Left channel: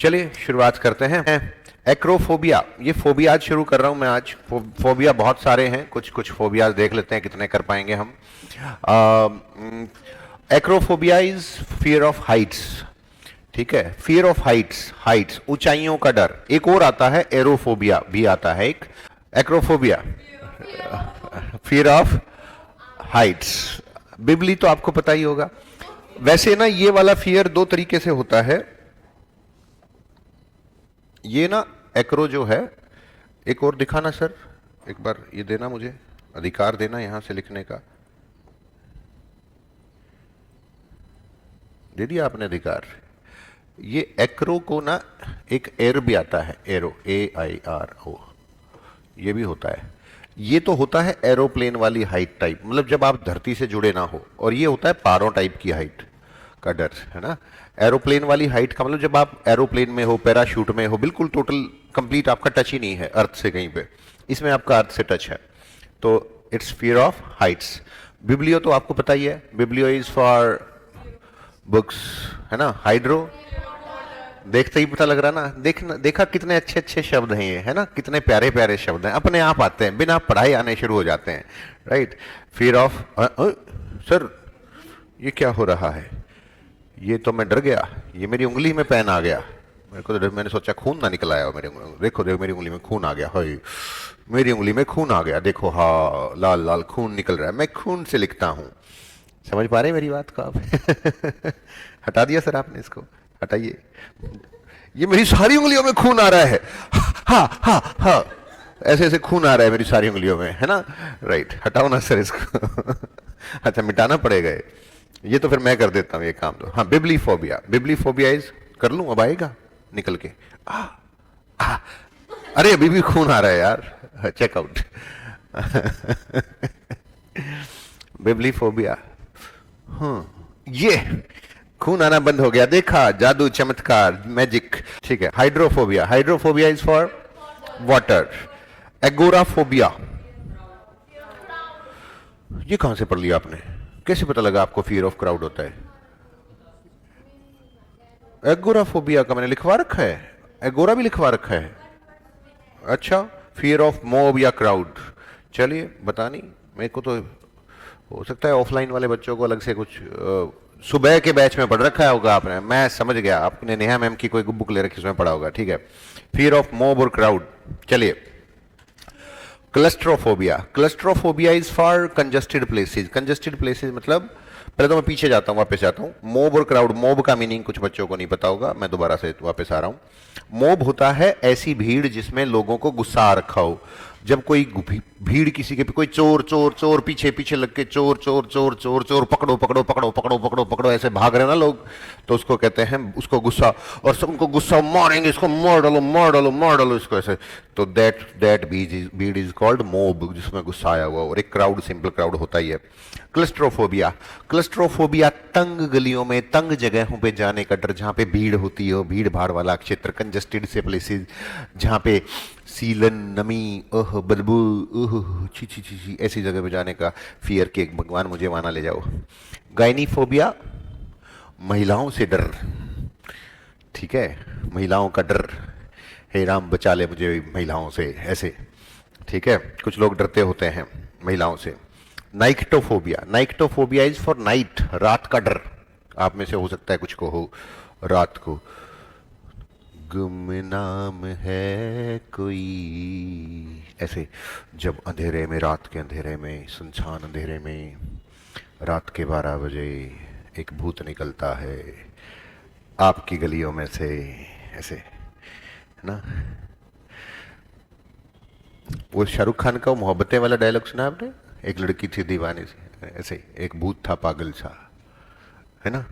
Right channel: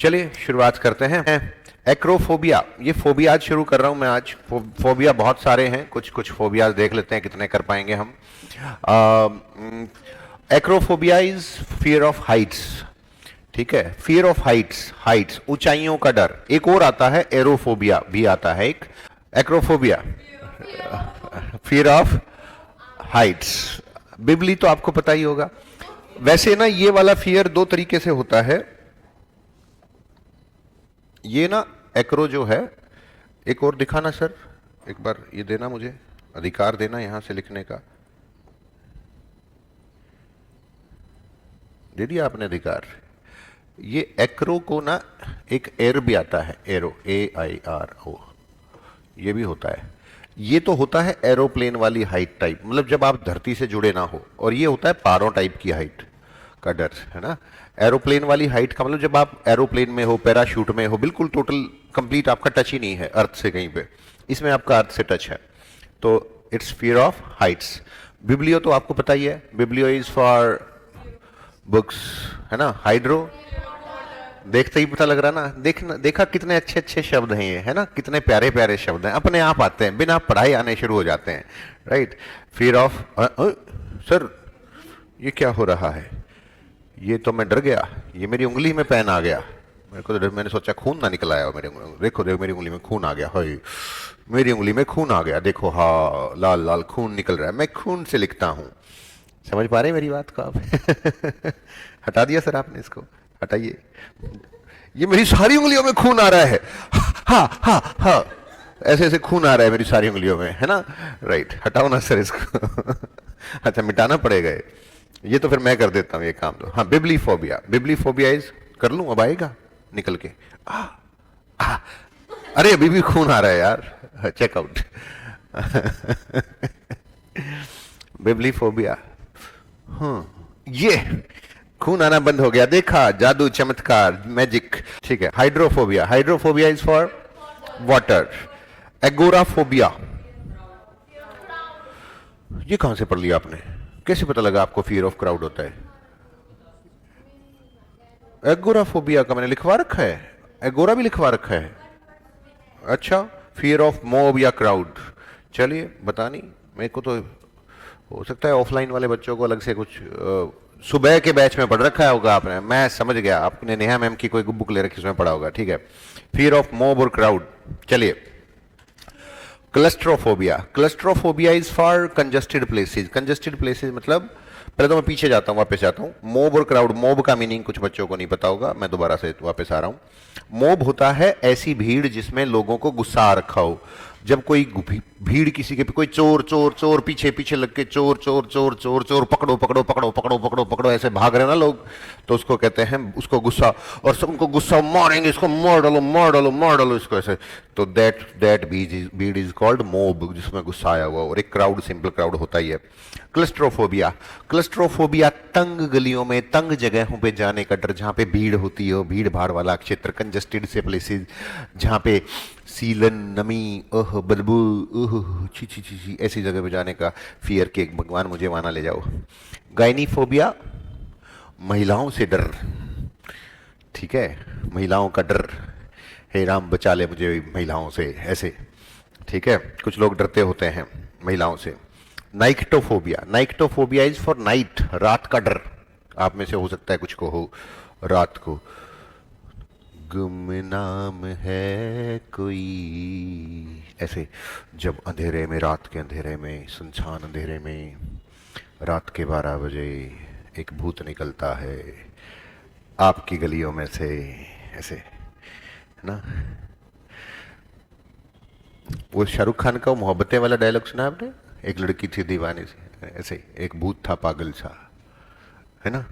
चलिए शुरुआत करते हैं। एक्रोफोबिया, ये फोबिया आज शुरू कर रहा हूं मैं। आज फोबिया बहुत सारे हैं, कुछ कुछ फोबिया देख लेते हैं कितने कर पाएंगे हम। Acrophobia is fear of Heights. ठीक है, फियर ऑफ हाइट्स, हाइट्स ऊंचाइयों का डर। एक और आता है एरोफोबिया, भी आता है एक। Acrophobia, fear of heights. बिबली तो आपको पता ही होगा। वैसे ना ये वाला फियर दो तरीके से होता है। ये ना एक्रो जो है, एक और दिखाना सर, एक बार ये देना मुझे, अधिकार देना यहां से लिखने का। दे दिया आपने अधिकार। ये एक्रो को ना एक एर भी आता है, एरो, AIRO, ये भी होता है। ये तो होता है एरोप्लेन वाली हाइट टाइप, मतलब जब आप धरती से जुड़े ना हो। और ये होता है पारो टाइप की हाइट का डर, है ना। एरोप्लेन वाली हाइट का मतलब जब आप एरोप्लेन में हो, पैराशूट में हो, बिल्कुल टोटल कंप्लीट आपका टच ही नहीं है अर्थ से कहीं पे। इसमें आपका अर्थ से टच है, तो it's fear of Heights. Biblio तो आपको पता ही है, बिब्लियो इज फॉर बुक्स, है ना। हाइड्रो, देखते ही पता लग रहा ना। देखना, देखा कितने अच्छे अच्छे शब्द हैं ये, है ना, कितने प्यारे प्यारे शब्द हैं, अपने आप आते हैं, बिना पढ़ाई आने शुरू हो जाते हैं, राइट। फियर ऑफ, सर ये क्या हो रहा है? ये तो मैं डर गया, ये मेरी उंगली में पेन आ गया। मेरे को तो डर, मैंने सोचा खून ना निकल आया हो मेरी उंगली में। देखो देखो मेरी उंगली में खून आ गया, हाय मेरी उंगली में खून आ गया, देखो, हाँ लाल लाल खून निकल रहा है। मैं खून से लिखता हूँ। समझ पा रहे मेरी बात का आप? हटा दिया सर आपने इसको, हटाइए। ये मेरी सारी उंगलियों में खून आ रहा है, हाँ हाँ हाँ, ऐसे ऐसे खून आ रहा है मेरी सारी उंगलियों में, है ना। राइट, हटाओ ना सर इसको। अच्छा, मिटाना पड़ेगा ये तो, फिर मैं कर देता हूँ ये काम। हाँ, बिब्लीफोबिया, बिब्लीफोबिया इज, कर लूं अब आएगा निकल के। अरे अभी भी खून आ रहा है यार, चेकआउट। बिब्लीफोबिया, ये खून आना बंद हो गया, देखा, जादू, चमत्कार, मैजिक। ठीक है, hydrophobia, hydrophobia is for water. Agoraphobia, ये कहां से पढ़ लिया आपने? कैसे पता लगा आपको फियर ऑफ क्राउड होता है? एगोराफोबिया का मैंने लिखवा रखा है, एगोरा भी लिखवा रखा है। अच्छा, फियर ऑफ मॉब या क्राउड। चलिए बता नहीं, मेरे को तो हो सकता है ऑफलाइन वाले बच्चों को अलग से कुछ सुबह के बैच में पढ़ रखा होगा आपने। मैं समझ गया, आपने नेहा मैम की कोई बुक ले रखी, उसमें पढ़ा होगा। ठीक है, फियर ऑफ मॉब और क्राउड। चलिए, claustrophobia, claustrophobia is for congested places. Congested places मतलब, पहले तो मैं पीछे जाता हूँ, वापस आता हूँ। मॉब और क्राउड, मॉब का मीनिंग कुछ बच्चों को नहीं पता होगा, मैं दोबारा से वापस आ रहा हूँ। मॉब होता है ऐसी भीड़ जिसमें लोगों को गुस्सा आ रखा हो। जब कोई भीड़ किसी के, कोई चोर चोर चोर, पीछे पीछे लग के चोर चोर चोर चोर चोर, पकड़ो पकड़ो पकड़ो पकड़ो पकड़ो पकड़ो, ऐसे भाग रहे ना लोग, तो उसको कहते हैं, उसको गुस्सा, और सबको गुस्सा, मारेंगे इसको, मार डालो मार डालो मार डालो इसको, ऐसे। तो दैट भीड़ इज कॉल्ड मॉब, जिसमें गुस्सा आया हुआ। और एक क्राउड, सिंपल क्राउड होता ही है। क्लस्ट्रोफोबिया, क्लस्ट्रोफोबिया तंग गलियों में, तंग जगहों पे जाने का डर, जहां पे भीड़ होती है, भीड़ भाड़ वाला क्षेत्र, कंजेस्टेड से प्लेसेस, जहां पे सीलन, नमी, ओह बदबू, ओह छी छी छी छी, ऐसी जगह पे जाने का फियर के, भगवान मुझे वहां ना ले जाओ। गायनीफोबिया, महिलाओं से डर। ठीक है, महिलाओं का डर, हे राम बचा ले मुझे महिलाओं से, ऐसे। ठीक है, कुछ लोग डरते होते हैं महिलाओं से। नाइक्टोफोबिया, नाइक्टोफोबिया इज फॉर नाइट, रात का डर। आप में से हो सकता है कुछ को हो रात को। गुमनाम है कोई, ऐसे, जब अंधेरे में, रात के अंधेरे में, सुनसान अंधेरे में, रात के 12 बजे एक भूत निकलता है आपकी गलियों में से, ऐसे, है ना। वो शाहरुख खान का मोहब्बतें वाला डायलॉग सुना आपने? एक लड़की थी दीवानी सी, ऐसे ही, एक भूत था पागल सा, है ना,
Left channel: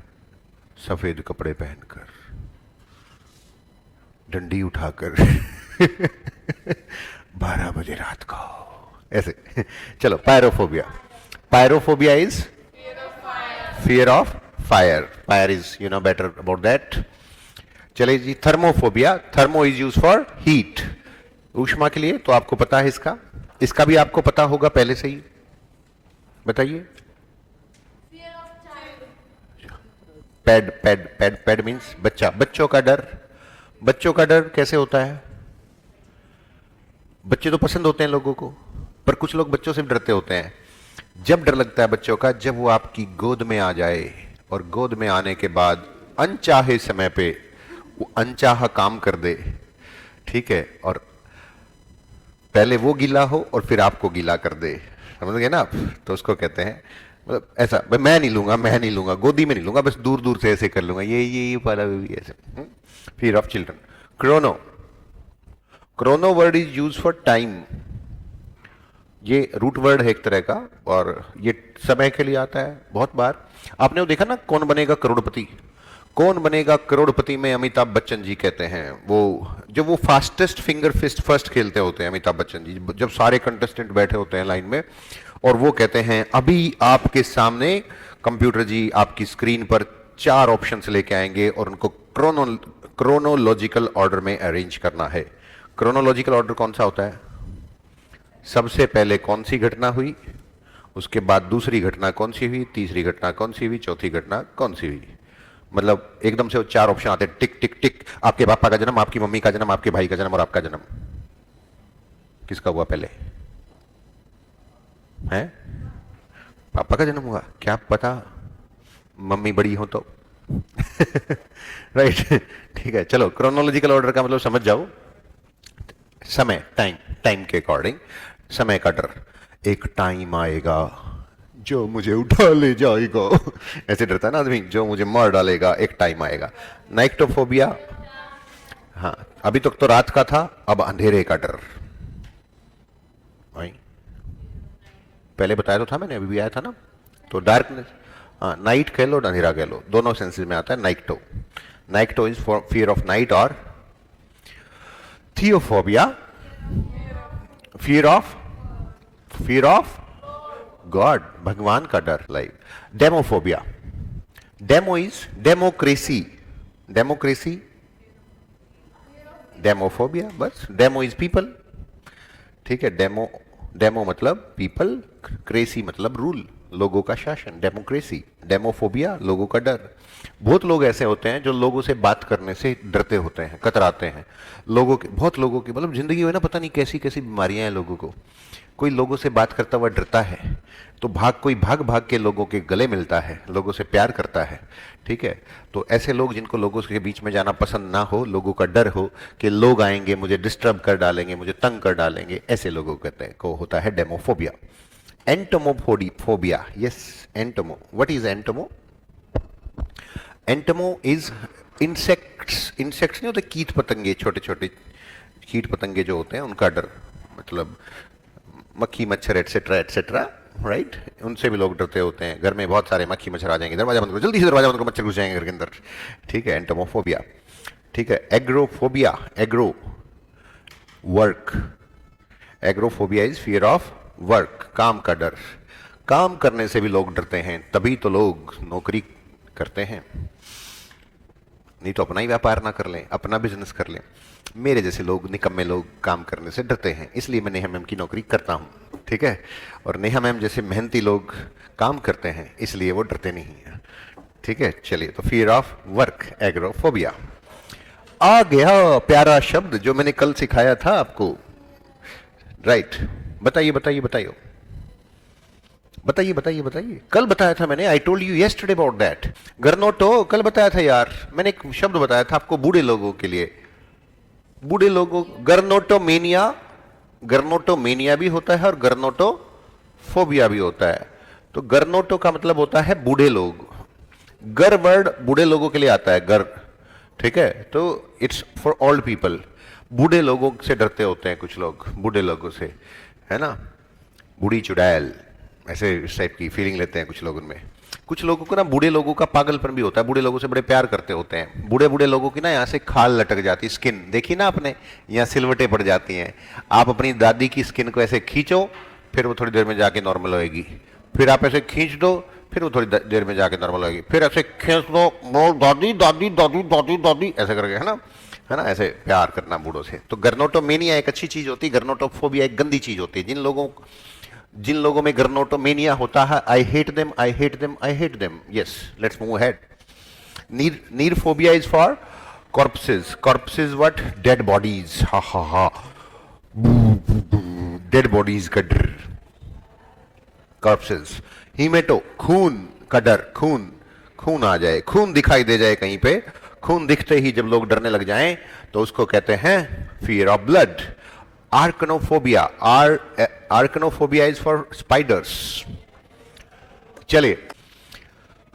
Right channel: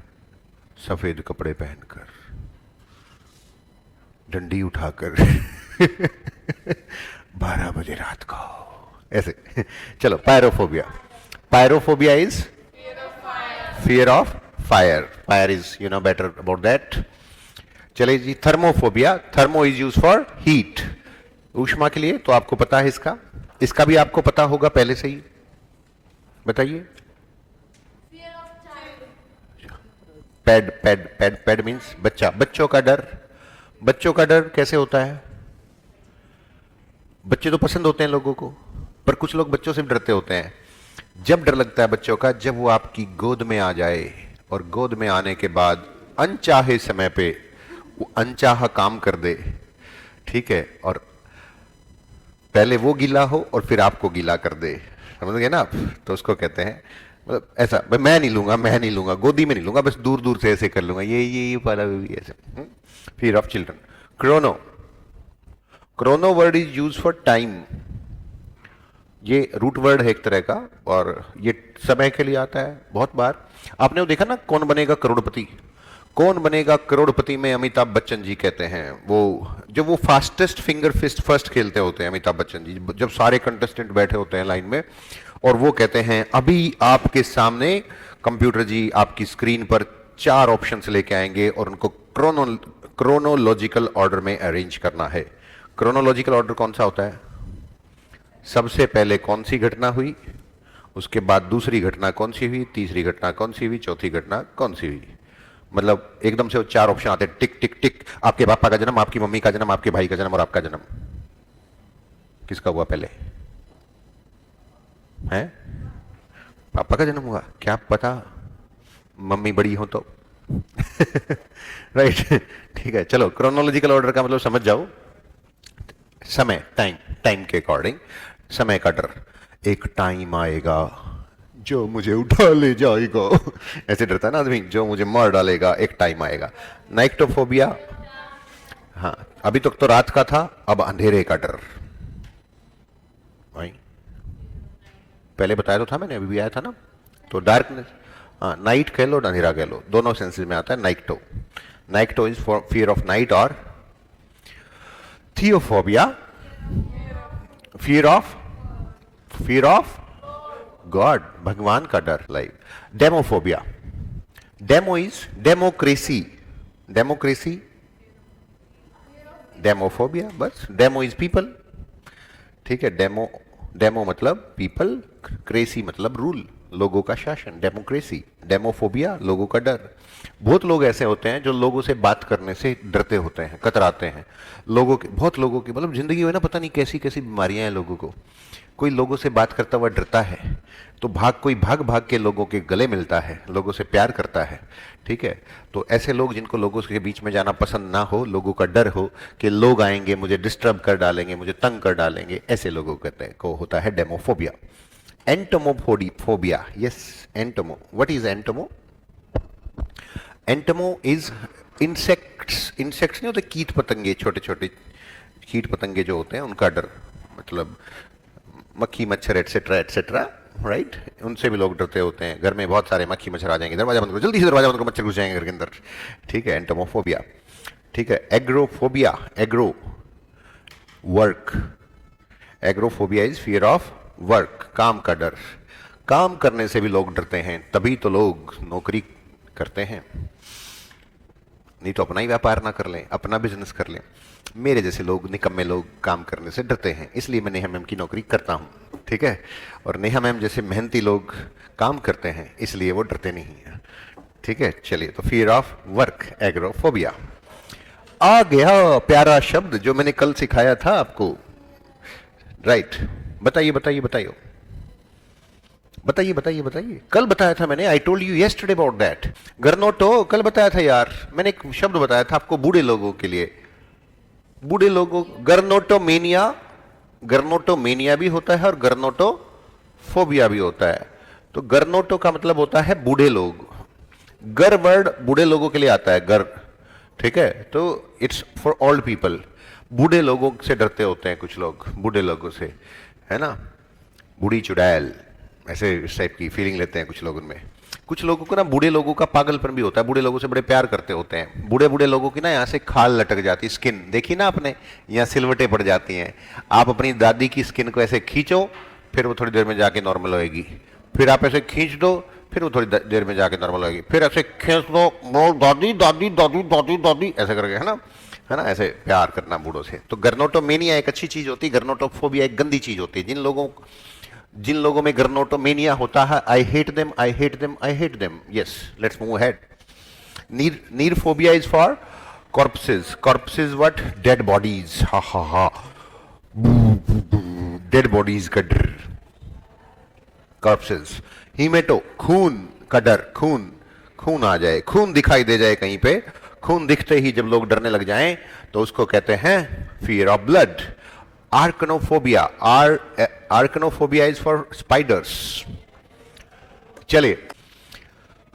सफेद कपड़े पहनकर, डंडी उठाकर, 12 बजे रात को, ऐसे। चलो, pyrophobia, pyrophobia is fear of fire. Fire is, you know better about that. चलिए जी, thermophobia, thermo is use for heat, ऊष्मा के लिए। तो आपको पता है इसका, इसका भी आपको पता होगा पहले से ही, बताइए। Pad pad pad pad means बच्चा, बच्चों का डर, बच्चों का डर कैसे होता है? बच्चे तो पसंद होते हैं लोगों को, पर कुछ लोग बच्चों से डरते होते हैं। जब डर लगता है बच्चों का, जब वो आपकी गोद में आ जाए और गोद में आने के बाद अनचाहे समय पे वो अनचाहा काम कर दे, ठीक है, और पहले वो गीला हो और फिर आपको गीला कर दे, समझ गए ना आप? तो उसको कहते हैं, मतलब ऐसा, भाई मैं नहीं लूंगा, मैं नहीं लूंगा, गोदी में नहीं लूंगा, बस दूर दूर से ऐसे कर लूंगा, ये वाला ऐसा। Fear of children. Chrono, Chrono word is use for time. ये रूट वर्ड है एक तरह का, और ये समय के लिए आता है बहुत बार। आपने वो देखा ना, कौन बनेगा करोड़पति? कौन बनेगा करोड़पति में अमिताभ बच्चन जी कहते हैं, वो जब वो फास्टेस्ट फिंगर फिस्ट फर्स्ट खेलते होते हैं अमिताभ बच्चन जी, जब सारे कंटेस्टेंट बैठे होते हैं लाइन में, और वो कहते हैं अभी आपके सामने कंप्यूटर जी आपकी स्क्रीन पर 4 ऑप्शंस लेके आएंगे और उनको क्रोनोलॉजिकल ऑर्डर में अरेंज करना है। क्रोनोलॉजिकल ऑर्डर कौन सा होता है? सबसे पहले कौन सी घटना हुई, उसके बाद दूसरी घटना कौन सी हुई, तीसरी घटना कौन सी हुई, चौथी घटना कौन सी हुई। मतलब एकदम से वो 4 ऑप्शन आते हैं, टिक टिक टिक, आपके पापा का जन्म, आपकी मम्मी का जन्म, आपके भाई का जन्म और आपका जन्म। किसका हुआ पहले? है पापा का जन्म हुआ, क्या पता मम्मी बड़ी हो तो। राइट। ठीक है, चलो क्रोनोलॉजिकल ऑर्डर का मतलब समझ जाओ। समय, टाइम, टाइम के अकॉर्डिंग समय का डर। एक टाइम आएगा जो मुझे उठा ले जाएगा, ऐसे डरता है ना आदमी, जो मुझे मार डालेगा, एक टाइम आएगा। नाइक्टोफोबिया, हाँ, अभी तक तो रात का था, अब अंधेरे का डर। पहले बताया तो था मैंने, अभी भी आया था ना। तो डार्कनेस, हाँ, नाइट कह लो, अंधेरा कह लो, दोनों सेंसेस में आता है nycto. Nycto is for fear of night, और थियोफोबिया, फियर ऑफ गॉड, भगवान का डर, like demophobia. Demo is democracy, democracy, demophobia, बस डेमो इज पीपल, ठीक है। डेमो, डेमो मतलब पीपल, क्रेसी मतलब रूल, लोगों का शासन, डेमोक्रेसी। डेमोफोबिया, लोगों का डर। बहुत लोग ऐसे होते हैं जो लोगों से बात करने से डरते होते हैं, कतराते हैं। लोगों के, बहुत लोगों की मतलब जिंदगी में ना पता नहीं कैसी कैसी बीमारियां हैं लोगों की। कोई लोगों से बात करता हुआ डरता है, तो कोई भाग भाग के लोगों के गले मिलता है, लोगों से प्यार करता है, ठीक है। तो ऐसे लोग जिनको लोगों के बीच में जाना पसंद ना हो, लोगों का डर हो कि लोग आएंगे मुझे डिस्टर्ब कर डालेंगे, मुझे तंग कर डालेंगे, ऐसे लोगों को होता है demophobia. Entomophobia, yes, entomo, what is entomo? Entomo is insects, insects नहीं होते, कीट पतंगे, छोटे छोटे कीट पतंगे जो होते हैं, उनका डर, मतलब मक्खी मच्छर एटसेट्रा एटसेट्रा, राइट। उनसे भी लोग डरते होते हैं। घर में बहुत सारे मक्खी मच्छर आ जाएंगे, दरवाजा बंद करो, जल्दी से दरवाजा बंद करो, मच्छर घुस जाएंगे घर के अंदर, ठीक है। एंटोमोफोबिया, ठीक है। Agoraphobia, agro work, agoraphobia is fear of work, काम का डर। काम करने से भी लोग डरते हैं, तभी तो लोग नौकरी करते हैं, नहीं तो अपना ही व्यापार ना कर लें, अपना बिजनेस कर लें। मेरे जैसे लोग, निकम्मे लोग काम करने से डरते हैं, इसलिए मैं नेहा मैम की नौकरी करता हूँ, ठीक है। और नेहा मैम जैसे मेहनती लोग काम करते हैं, इसलिए वो डरते नहीं है, ठीक है। चलिए, तो फियर ऑफ वर्क, एग्रोफोबिया। आ गया प्यारा शब्द जो मैंने कल सिखाया था आपको, राइट। बताइए बताइए बताइए बताइए बताइए बताइए, कल बताया था मैंने, I told you yesterday about that. गर्नोटो, कल बताया था यार मैंने, एक शब्द बताया था आपको बूढ़े लोगों के लिए, बूढ़े लोगों, गर्नोटोमेनिया, गर्नोटोमेनिया भी होता है और गर्नोटोफोबिया भी होता है। तो गर्नोटो का मतलब होता है बूढ़े लोग, कर वर्ड बूढ़े लोगों के लिए आता है, कर, ठीक है। तो इट्स फॉर ओल्ड पीपल। बूढ़े लोगों से डरते होते हैं कुछ लोग, बूढ़े लोगों से, है ना, बूढ़ी चुड़ैल, ऐसे इस टाइप की फीलिंग लेते हैं कुछ लोग उनमें। कुछ लोगों को ना, बूढ़े लोगों का पागलपन भी होता है, बूढ़े लोगों से बड़े प्यार करते होते हैं। बूढ़े बूढ़े लोगों की ना यहाँ से खाल लटक जाती है, स्किन देखी ना आपने, यहाँ सिलवटें पड़ जाती हैं। आप अपनी दादी की स्किन को ऐसे खींचो, फिर वो थोड़ी देर में जाके नॉर्मल होएगी, फिर आप ऐसे खींच दो, फिर वो थोड़ी देर में जाके नॉर्मल होएगी, फिर ऐसे खींच दो, वो दादी दादी दादी दादी दादी ऐसे करके, है ना, ऐसे प्यार करना बूढ़ों से। तो गर्नोटोमेनिया एक अच्छी चीज होती है, गर्नोटोफोबिया एक गंदी चीज होती है। जिन लोगों में गर्नोटोमेनिया होता है, I hate them, I hate them, I hate them, yes, let's move ahead. Necrophobia is for corpses. Corpses what? Dead bodies. Ha ha ha. Dead bodies का डर. Corpses. Hemato. खून का डर. खून आ जाए, खून दिखाई दे जाए कहीं पे. खून दिखते ही जब लोग डरने लग जाएं तो उसको कहते हैं fear of blood. Arachnophobia. Arachnophobia is for spiders. चलिए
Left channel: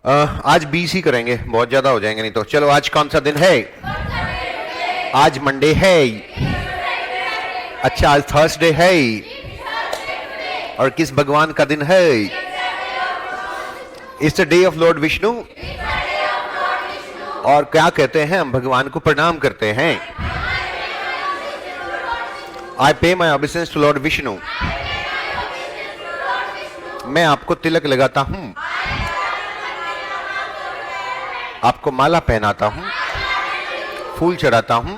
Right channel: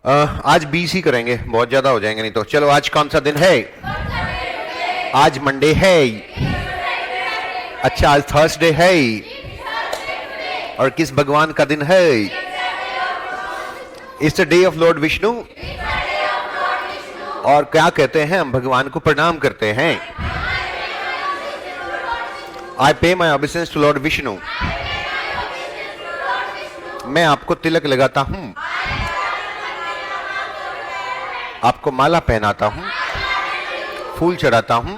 आज 20 ही करेंगे, बहुत ज्यादा हो जाएंगे नहीं तो. चलो आज कौन सा दिन है? आज मंडे है. अच्छा आज थर्सडे है. और किस भगवान का दिन है? It's the day of Lord Vishnu. और क्या कहते हैं हम? भगवान को प्रणाम करते हैं. आई पे माई ऑबिसेंस टू लॉर्ड विष्णु. मैं आपको तिलक लगाता हूं, आपको माला पहनाता हूं, फूल चढ़ाता हूं,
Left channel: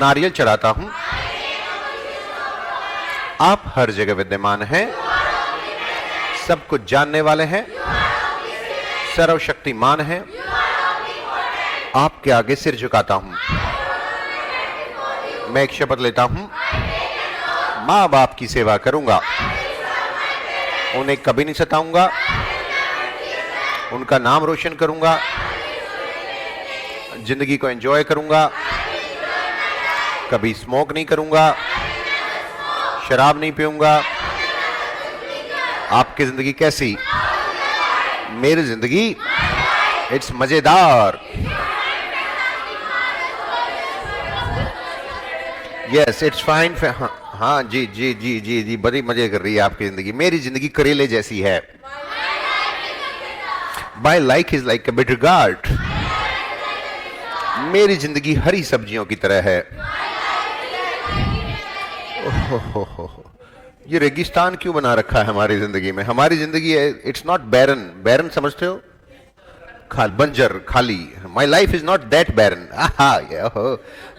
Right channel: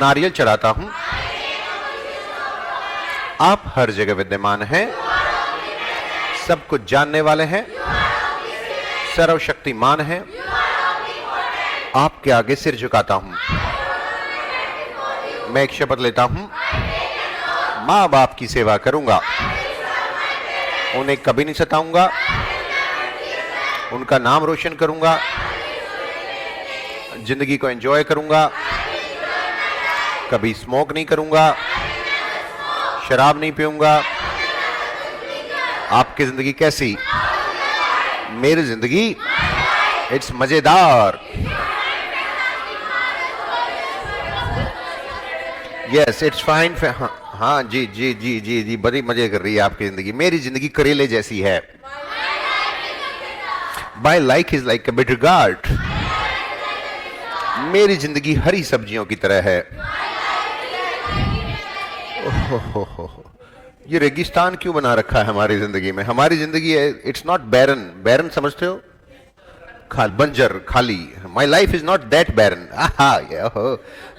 नारियल चढ़ाता हूं. आप हर जगह विद्यमान हैं, सब कुछ जानने वाले हैं, सर्वशक्तिमान हैं. आपके आगे सिर झुकाता हूं. मैं एक शपथ लेता हूं, मां बाप की सेवा करूंगा, उन्हें कभी नहीं सताऊंगा, उनका नाम रोशन करूंगा, जिंदगी को एंजॉय करूंगा, कभी स्मोक नहीं करूंगा, शराब नहीं पीऊंगा. आपकी जिंदगी कैसी? मेरी जिंदगी इट्स मजेदार. Yes it's fine. हाँ जी जी जी जी जी बड़ी मजे कर रही है आपकी जिंदगी. मेरी जिंदगी करेले जैसी है. My life is like a bitter gourd. मेरी जिंदगी हरी सब्जियों की तरह है. ये रेगिस्तान क्यों बना रखा है हमारी जिंदगी में? हमारी जिंदगी है इट्स नॉट बैरन. बैरन समझते हो? बंजर, खाली. My life is not that barren.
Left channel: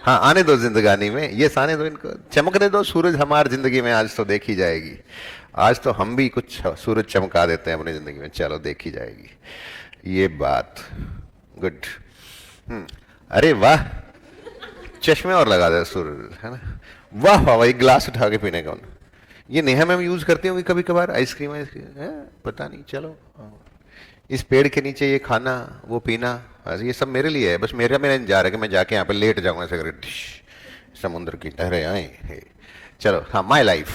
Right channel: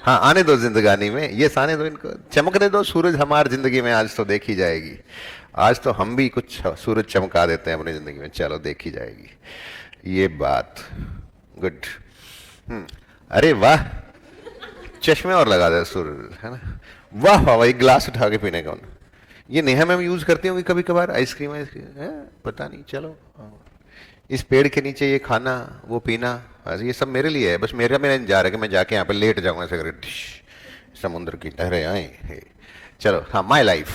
हाँ आने दो जिंदगानी में. ये आने दो, इनको चमकने दो. सूरज हमारी जिंदगी में आज तो देखी जाएगी. आज तो हम भी कुछ सूरज चमका देते हैं अपनी जिंदगी में. चलो देखी जाएगी ये बात. गुड. अरे वाह, चश्मे और लगा दे सूरज, है ना? वाह वाह, एक गिलास उठा के पीने का. ये नेहा में यूज करती होंगी कभी कभार. आइसक्रीम है पता नहीं. चलो इस पेड़ के नीचे ये खाना, वो पीना, ये सब मेरे लिए है. बस मेरा में जा रहा है कि मैं जाके यहाँ पे लेट जाऊंगा, सिगरेट, समुद्र की लहरें आए. चलो हाँ, माई लाइफ.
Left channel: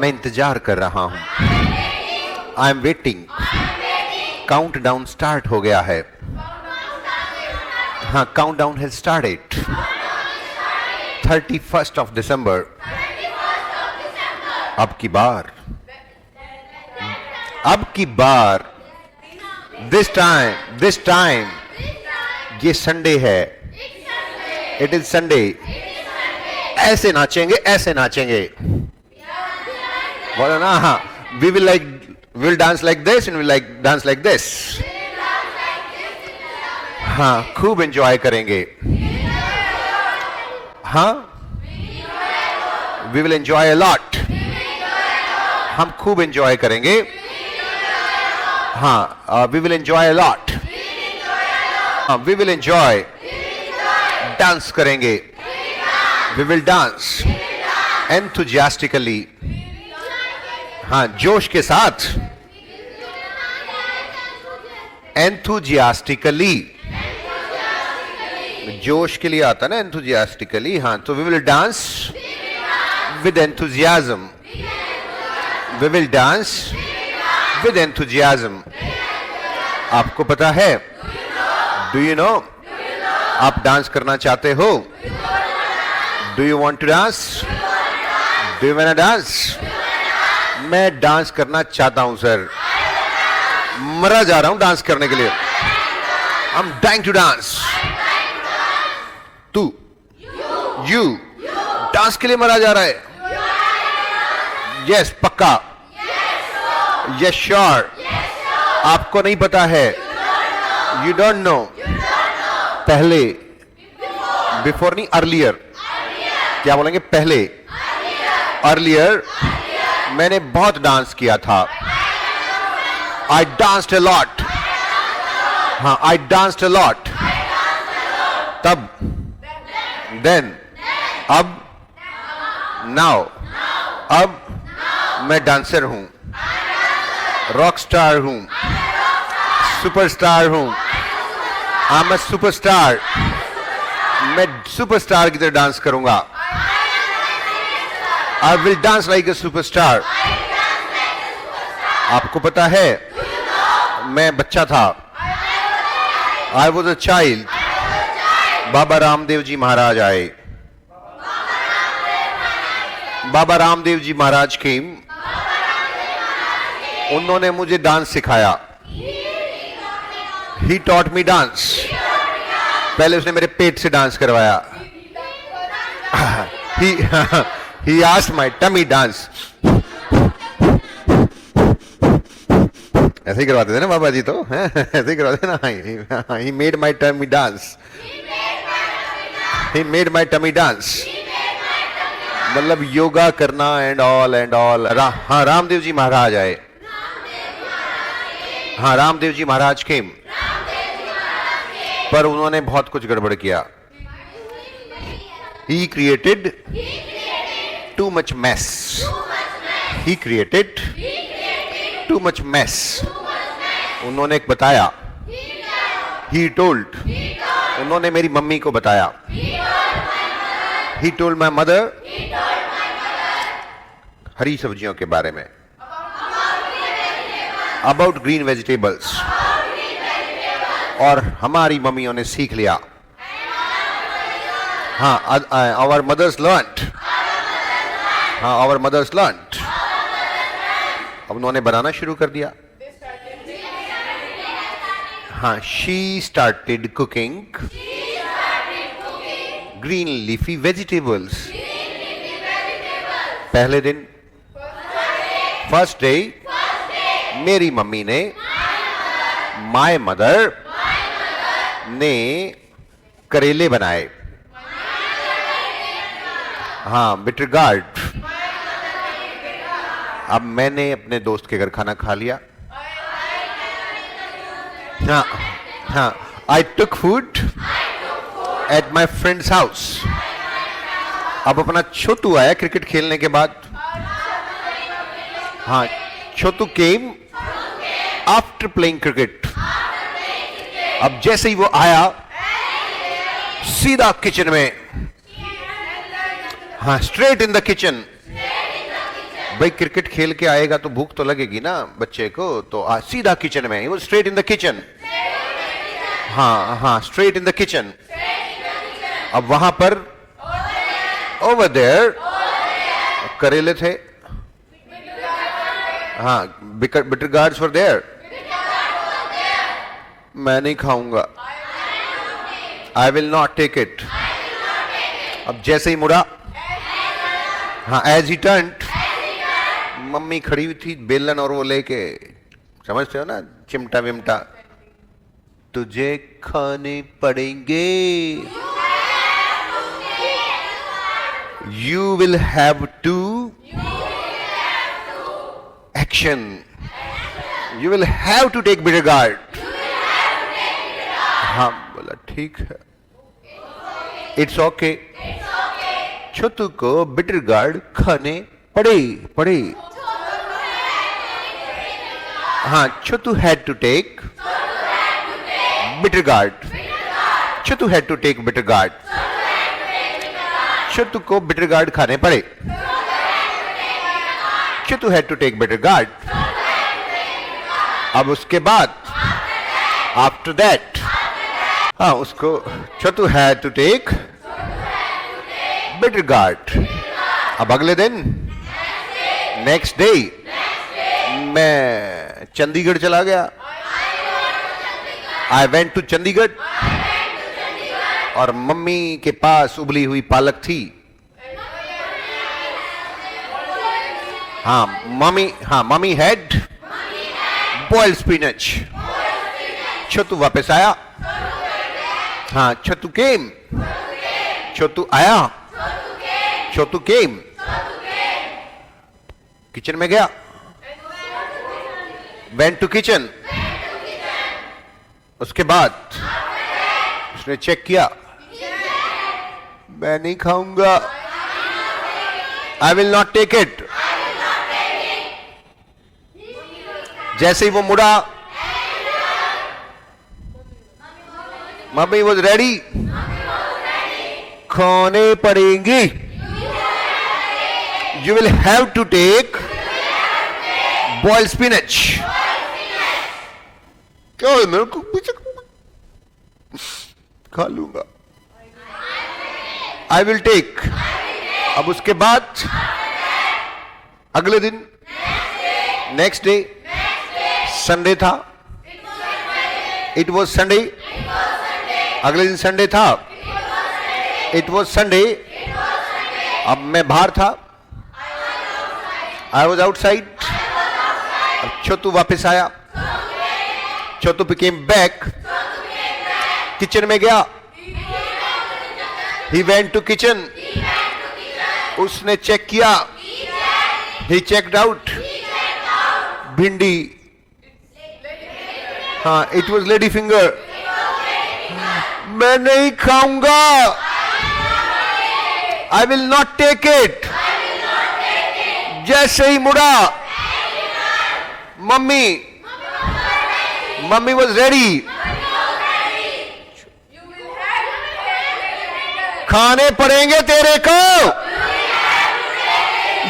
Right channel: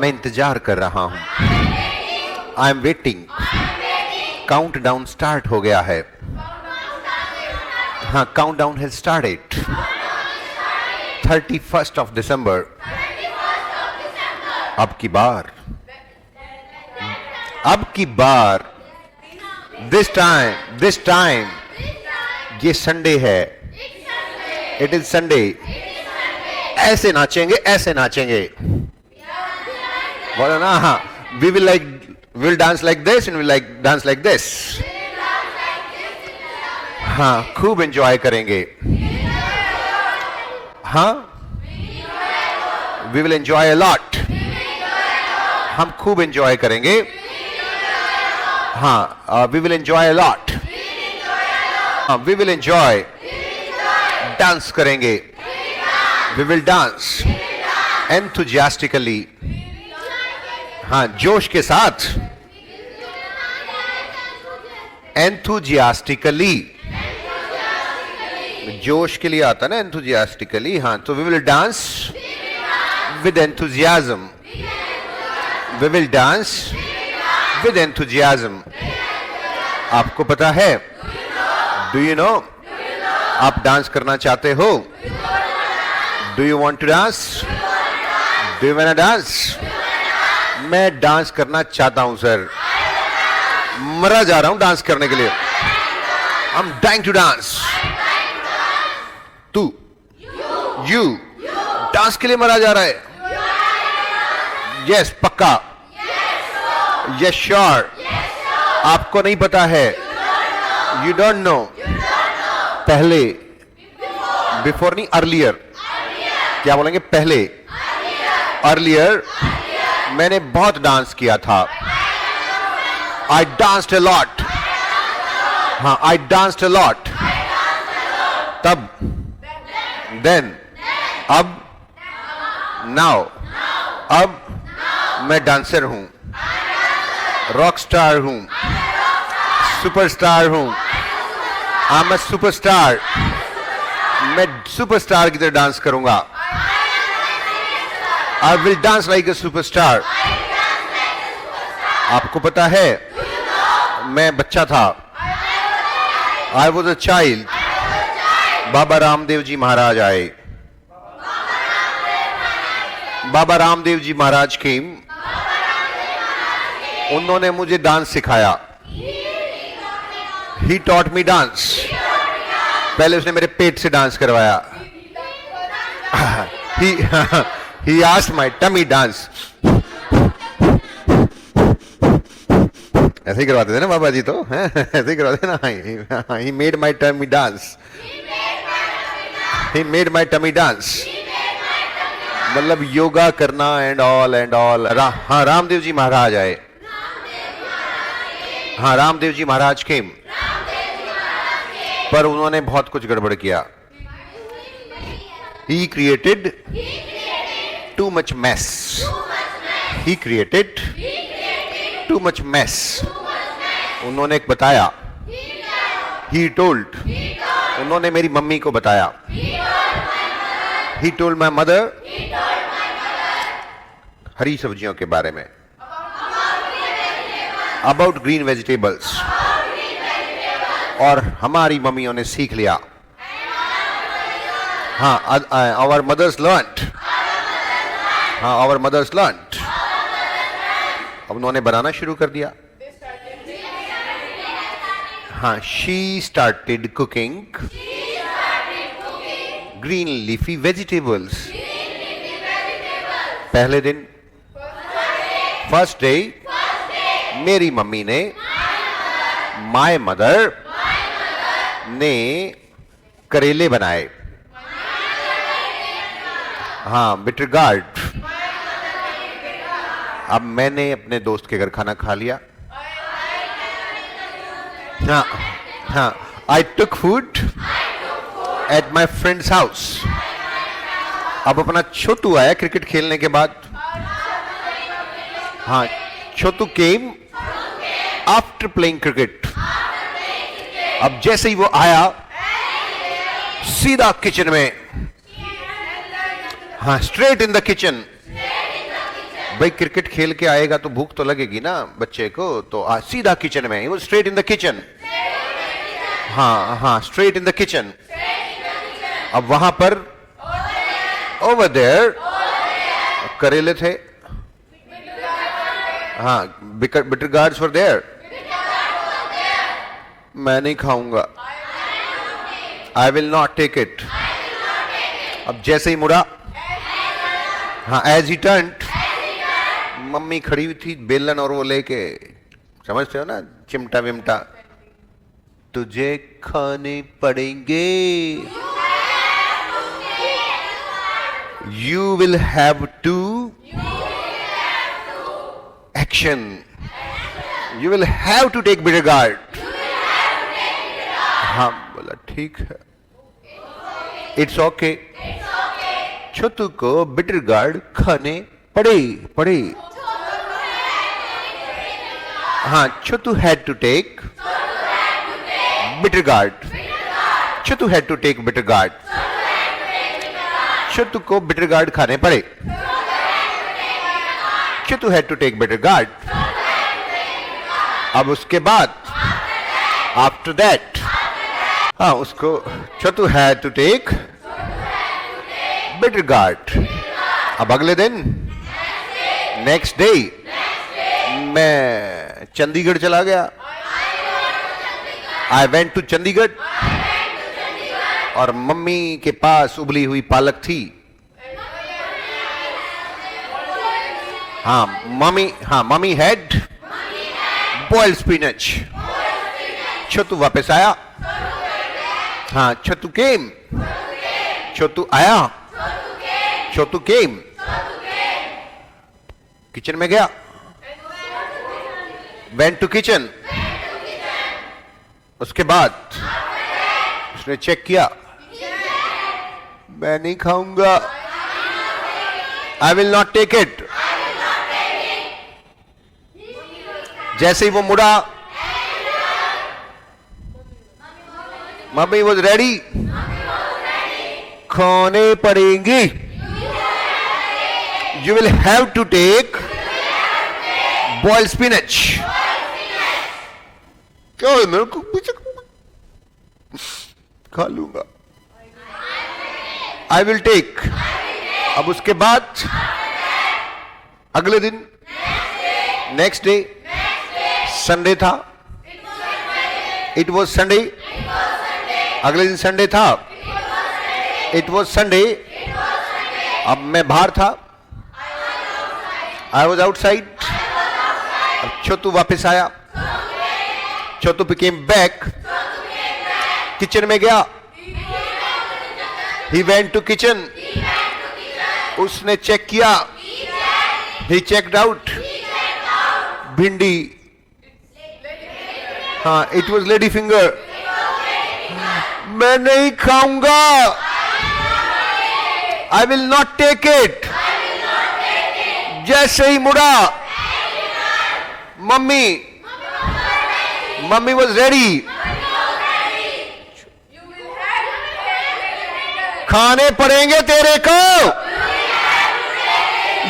मैं इंतजार कर रहा हूं. I am waiting. Countdown start हो गया है. Countdown has started. 31st of December. अब की बार दिस टाइम ये संडे है. It is Sunday. ऐसे नाचेंगे, ऐसे नाचेंगे. We'll dance like this and we'll dance like this. हाँ, खूब एंजॉय करेंगे. हाँ, we will enjoy a lot. हम खूब एंजॉय करेंगे. हाँ, we will enjoy a lot. We will enjoy. Dance करेंगे. We will dance enthusiastically. हाँ, जोश के साथ. enthusiastically. जोश के लिए आता ना enthusiastically. हाँ, तो we will dance with enthusiasm. We will dance with enthusiasm. आपको पता है? Do you know? आप डांस करना चाहते हो? Do you want to dance? Do you wanna dance? मैं डांस करना चाहता हूं सर. मरा जा रहा हूं डांस करने के लिए. I'm dying to dance. तू, you, डांस के लिए मरा जा रहा है. Yes, पक्का. Yes, sure. आपको नहीं पता है. You don't know. पहले, before नहीं, earlier. क्या बोलेंगे? पहले, अर्लियर, मैंने बहुत डांस किया था। I danced a lot. हाँ, आई डांस्ड अ लॉट। तब, देन, अब, नाउ, अब मैं डांसर हूं, रॉक स्टार हूं, सुपरस्टार हूं। I am a superstar. मैं सुपरस्टार की तरह डांस करूंगा। I will dance like a superstar. आपको पता है, मैं बच्चा था। I was a child. Baba Ramdev ji Maharaj आए। बाबा रामदेव जी महाराज के, उन्होंने मुझे डांस सिखाया। He taught me dance. पहले उसने मेरे पेट से डांस करवाया। He asked my tummy dance. ऐसे ही करवाते थे ना बाबा जी, तो ऐसे ही करवाते ना। He made my tummy dance. He made my tummy dance. मतलब योगा करना एंड ऑल। हाँ, रामदेव जी महाराज आए। हाँ, रामदेव जी महाराज के, पर उन्होंने बहुत कुछ गड़बड़ किया। He created too much mess. He created too much mess. उन्होंने एक बताया। He told. उन्होंने मेरी मम्मी को बताया। He told my mother. हरी सब्जियों के बारे में। About green vegetables. और हमारी मम्मियों ने सीख लिया। हाँ, our mothers learned. हाँ, our mothers learned. अब उन्होंने बनाना शुरू कर दिया। हाँ, she started cooking green leafy vegetables. पहले दिन, फर्स्ट डे, मेरी मम्मी ने, माय मदर ने करेले बनाए। हाँ, बिटर गार्ड। अब मैंने अपने दोस्त के घर खाना खा लिया। हाँ, हाँ, I took food at my friend's house. अब अपना छोटू आया क्रिकेट खेलने के बाद। हाँ, Chhotu came after playing cricket. अब जैसे ही वो आया, सीधा किचन में। हाँ, स्ट्रेट इन द किचन। भाई, क्रिकेट खेल के आएगा तो भूख तो लगेगी ना बच्चे को, तो सीधा किचन में। वो स्ट्रेट इन द किचन। हाँ, हाँ, स्ट्रेट इन द किचन। अब वहां पर, ओवर देयर, करेले थे। हाँ, बिटर गार्ड्स वर देयर। मैं नहीं खाऊंगा। I will not take it. अब जैसे ही मुड़ा, हाँ, एज ही टर्न्ड, मम्मी खड़ी हुई थी बेलन और वो लेके, समझते हो ना, चिमटा विमटा। तुझे खाने पड़ेंगे। You will have to action. You will have to take bitter guard. हाँ, बोला ठीक है, इट्स ओके। छोटू को बिटर गार्ड खाने पड़े। हाँ, छोटू had to take bitter guard. Chhotu had to take bitter guard. छोटू को बिटर गार्ड खाने पड़े। छोटू had to take bitter guard. अब उसके बाद, आफ्टर दैट, हाँ, उसको छोटू had to take bitter guard. अब अगले दिन, नेक्स्ट डे, मैं चंडीगढ़ चला गया। आई वेंट टू चंडीगढ़, और मम्मी के पास उबली हुई पालक थी। हाँ, मम्मी हैड बॉइल्ड स्पिनच। छोटू वापस आया। हाँ, छोटू केम। छोटू आया। छोटू केम, किचन में गया, वेंट टू किचन, उसके बाद उसने चेक किया, मैं नहीं खाऊंगा, I will not take it. जैसे ही वो मुड़ा, मम्मी वॉज रेडी, खाने पड़ेंगी, you will have to take boiled spinach. क्या है मेरे को खा लूंगा, आई विल टेक। अब उसके बाद अगले दिन, नेक्स्ट डे, संडे था, इट वॉज संडे, अगले दिन संडे था, इट वॉज संडे। अब मैं बाहर था, आई वॉज आउटसाइड। अब छोटू वापस आया, छोटू बिकेम बैक, किचन में गया, he went to kitchen, उसने चेक किया, he checked out, भिंडी, हाँ, इट वॉज लेडी फिंगर, मैं नहीं खाऊंगा, I will not take it. जैसे ही मुड़ा, मम्मी वॉज रेडी, खाने पड़ेंगे तेरे को,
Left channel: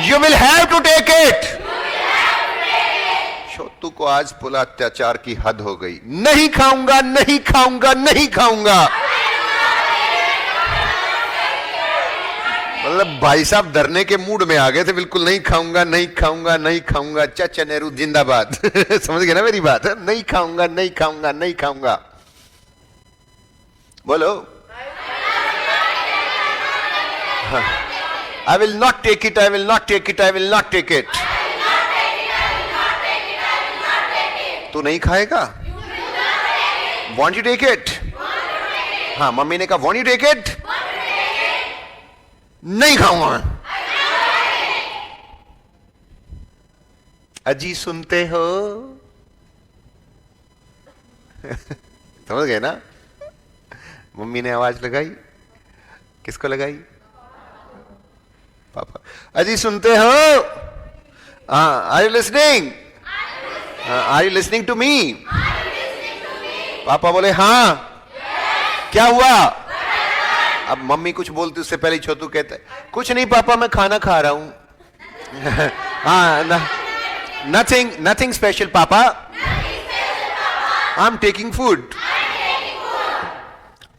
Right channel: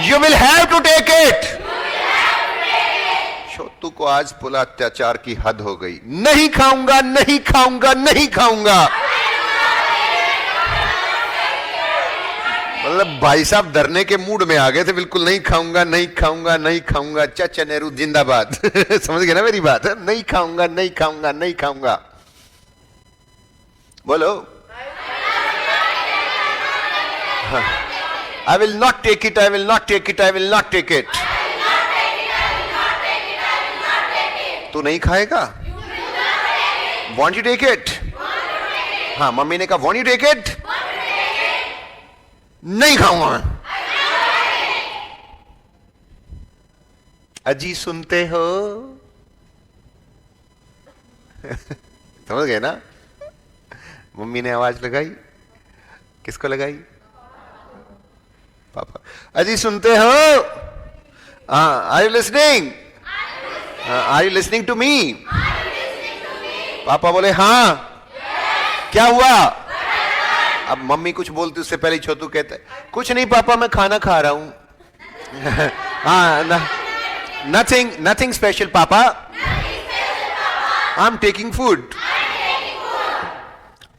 you will have to take it. Chhotu को आज पुला अत्याचार की हद हो गई, नहीं खाऊंगा, नहीं खाऊंगा, नहीं खाऊंगा। मतलब भाई साहब डरने के मूड में आ गए थे, बिल्कुल नहीं खाऊंगा, नहीं खाऊंगा, नहीं खाऊंगा, चाचा नेहरू जिंदाबाद। समझ गए ना मेरी बात? नहीं खाऊंगा, नहीं खाऊंगा, नहीं खाऊंगा, बोलो। I will not take it, I will not take it, I will not take it. तू नहीं खाएगा? Won't you take it? हाँ, मम्मी ने कहा won't you take it? नहीं खाऊंगा। अजी सुनते हो? समझ गए ना? मम्मी ने आवाज लगाई, किसको लगाई? पापा। अजी सुनते हो? Are you listening? Are you listening to me? पापा बोले हाँ। क्या हुआ? अब मम्मी कुछ बोलती उससे पहले छोटू कहता है कुछ नहीं पापा, मैं खाना खा रहा हूं। हाँ, नथिंग नथिंग स्पेशल पापा, आई एम टेकिंग फूड।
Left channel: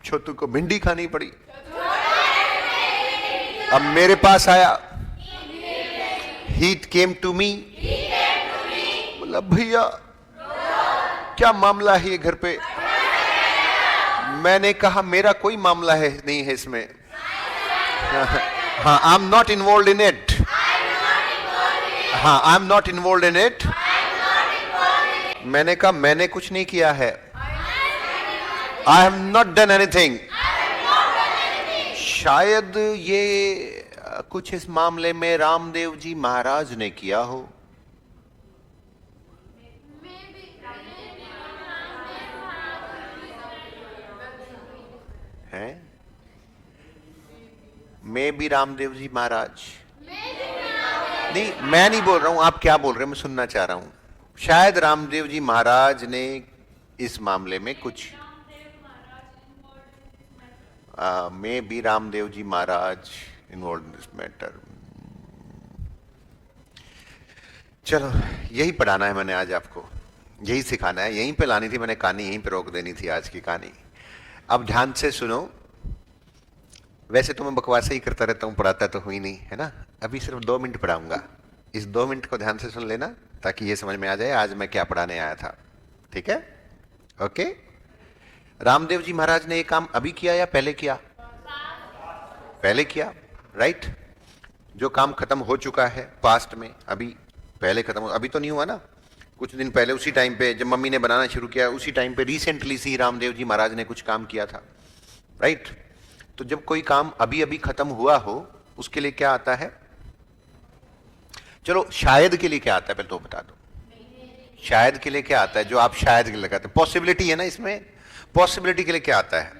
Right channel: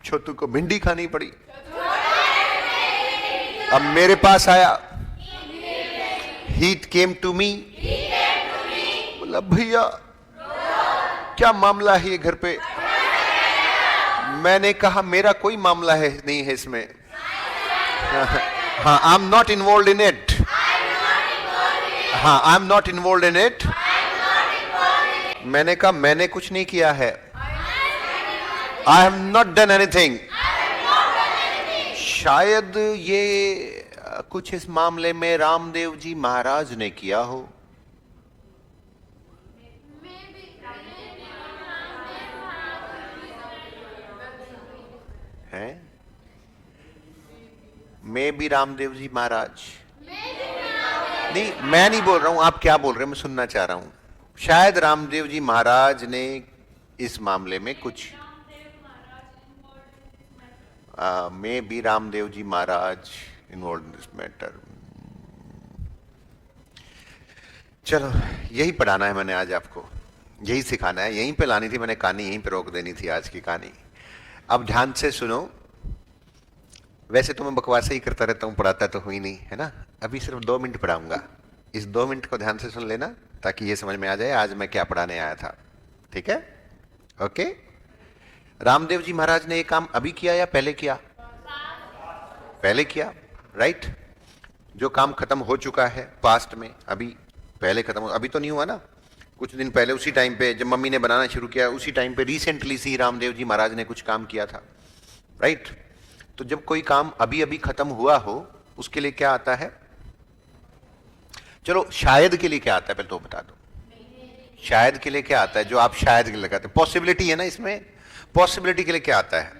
छोटू को भिंडी खानी पड़ी। अब मेरे पास आया, हीट केम टू मी, बोला भैया क्या मामला है ये घर पे? मैंने कहा मेरा कोई मामला है नहीं है इसमें। हाँ, I am not involve in it. हाँ, I am not involve in it. मैंने कहा मैंने कुछ नहीं किया है, I have not done anything. शायद ये कुछ इस मामले में रामदेव जी महाराज ने किया हो। है? मैं भी रामदेव जी महाराज नहीं, मैं नहीं बोल रहा हूं, आप क्या बोल रहे हैं मैं सुनना चाह रहा हूं। शायद रामदेव जी महाराज ने इस मामले में कुछ maybe Ramdev ji Maharaj involve in this matter. चलो, यही पढ़ाना है मैंने आज आपको, यही सिखाना है, यहीं पे लानी थी मैंने कहानी, यहीं पे रोक देनी थी आज की कहानी। अब ध्यान से सुनो। वैसे तो मैं बकवास ही करता रहता हूँ, पढ़ाता तो हुई नहीं है ना। अभी सिर्फ 2 मिनट पढ़ाऊंगा, इस 2 मिनट को ध्यान से सुन लेना ताकि ये समझ में आ जाए आज मैं क्या पढ़ाने आया था। ठीक है? ओके। रामदेव जी महाराज ने ये काम अभी किया या पहले किया? पहले किया, राइट। जो काम खत्म हो चुका है पास्ट में, अभी पहले खत्म हो, अभी तो नहीं हुआ ना, कुछ दिन पहले उसी टाइम पे जब मम्मी ने बनाना शुरू किया उसी टाइम पे रिसेंटली सी रामदेव जी महाराज ने कुछ काम किया था, राइट। तो जब कोई काम अभी अभी खत्म हुआ हो उसके लिए क्या आता है? चलो शायद के लिए क्या आता है पहले तो बता दो। शायद के लिए क्या आता है जो आप शायद के लिए लगाते हैं? पॉसिबिलिटी है ना इसमें। पॉसिबिलिटी के लिए क्या आता है?